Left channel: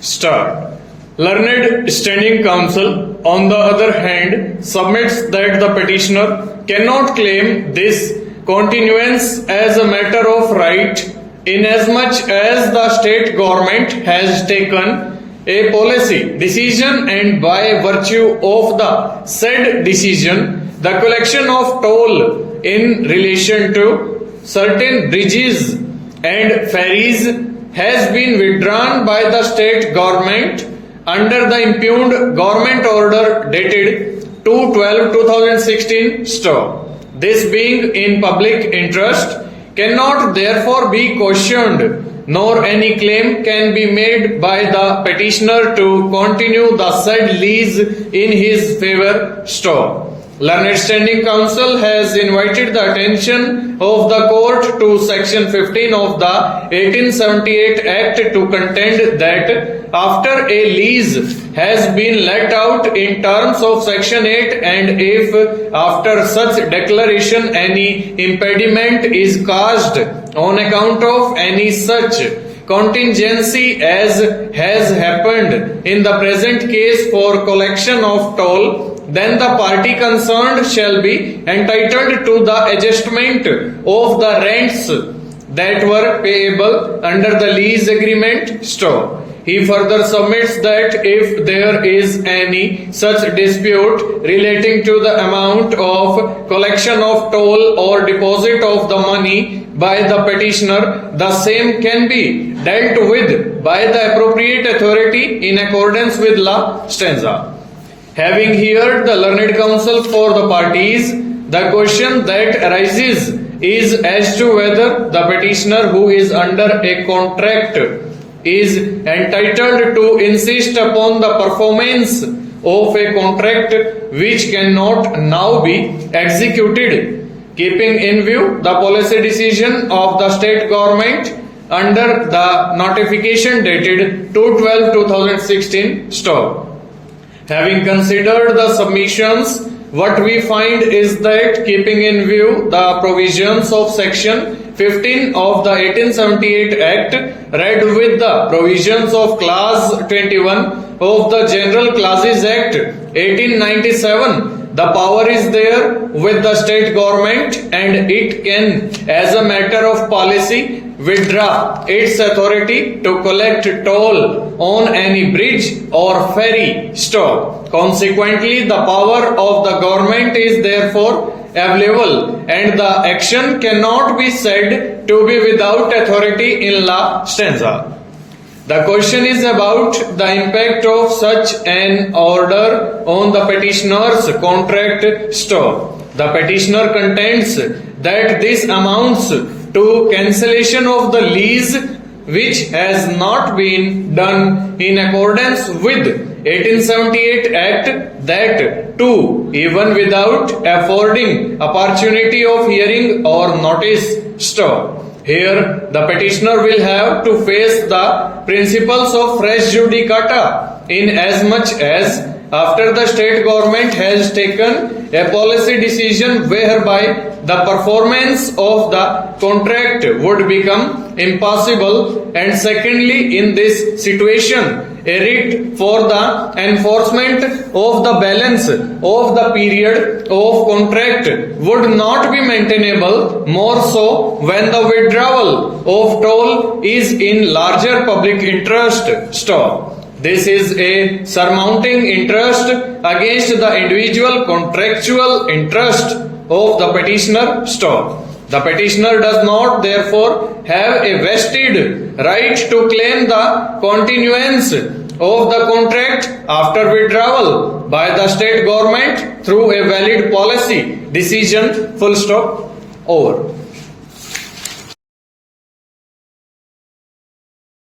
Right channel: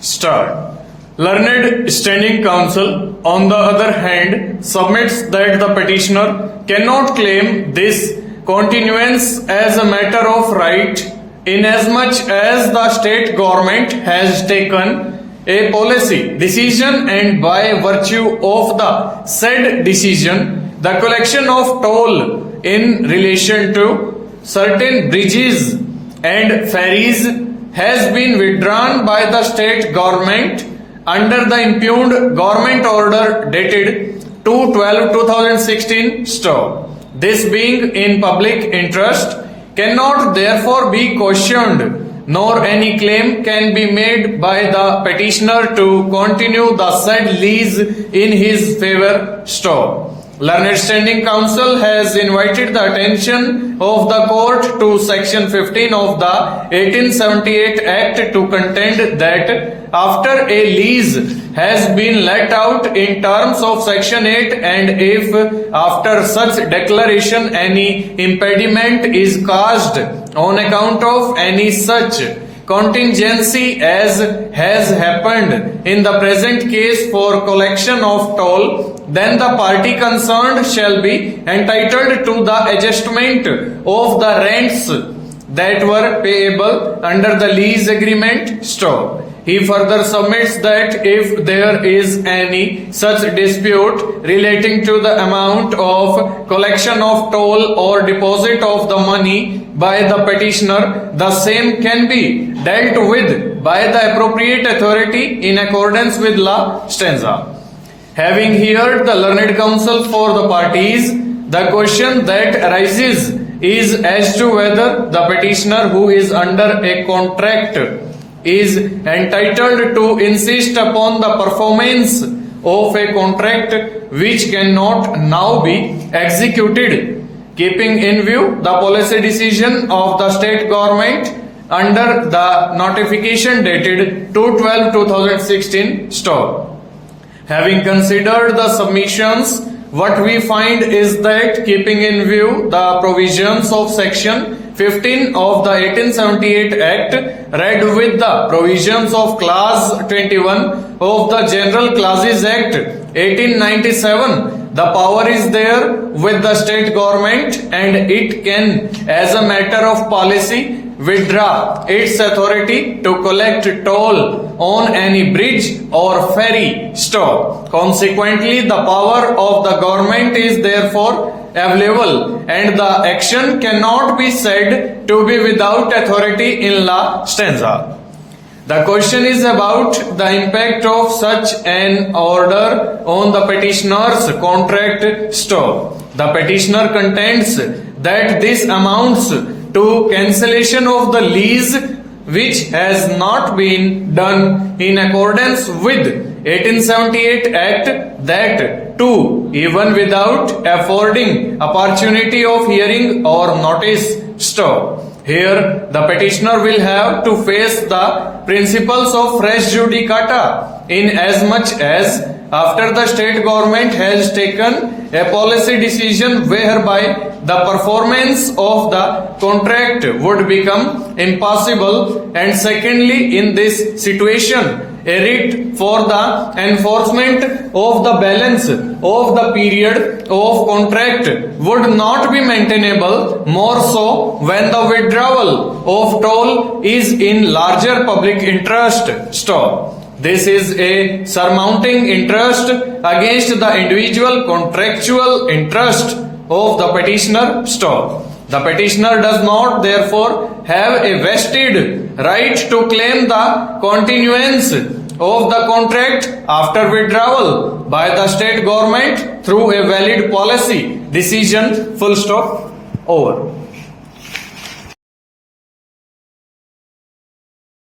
Start. Learned Standing Counsel, on the other hand, submits that the petitioner cannot claim this continuance as a matter of right inasmuch as the state government has taken a policy decision and by virtue of the said decision, the collection of toll in relation to certain bridges and ferries has been withdrawn by the state government under the impugned government order dated 2/12/2016 stop. This being in public interest cannot therefore be questioned, nor any claim can be made by the petitioner to continue the said lease in his favor stop. Learned Standing Counsel has invited the attention of the court to section 15 of the 1878 Act to contend that after a lease has been let out in terms of section 8 and if after such declaration any impediment is caused on account of any such contingency as has happened in the present case for collection of toll, then the party concerned shall be entitled to the adjustment of the rents that were payable under the lease agreement stop. He further submits that if there is any such dispute relating to the amount of collection of toll or deposit of the money by the petitioner, the same can be dealt with by the appropriate authority in accordance with law stanza. Having heard the learned counsel for the parties, the question that arises is as to whether the petitioner who is under a contract is entitled to insist upon the performance of a contract which cannot now be executed, keeping in view the policy decision of the state government under the notification dated 2/12/2016 stop. Having considered the submissions, what we find is that keeping in view the provisions of section 15 of the 1878 Act read with the provisions of clause 21 of the General Clauses Act 1897, the power is there with the state government and it can, as a matter of policy, withdraw its authority to collect toll on any bridge or ferry stop. Consequently, the power of the government is therefore available and the action cannot be said to be without authority in law stanza. The question is about the impact of such an order on the petitioner's contract stop. The petitioner contends that this amounts to cancellation of the lease which has not been done in accordance with 1878 Act, that too even without affording opportunity of hearing or notice stop. Here the petitioner will have to face the principles of res judicata in as much as after the state government has taken a policy decision whereby the performance of the contract would become impossible, and secondly, in this situation, a writ for the enforcement of the balance of the period of contract would not be maintainable, more so when the withdrawal of toll is in larger public interest stop. This is a surmounting interest against the individual contractual interest of the petitioner stop. The petitioner does not therefore have a vested right to claim the continuance of the contract after withdrawal by the state government through a valid policy decision full stop over.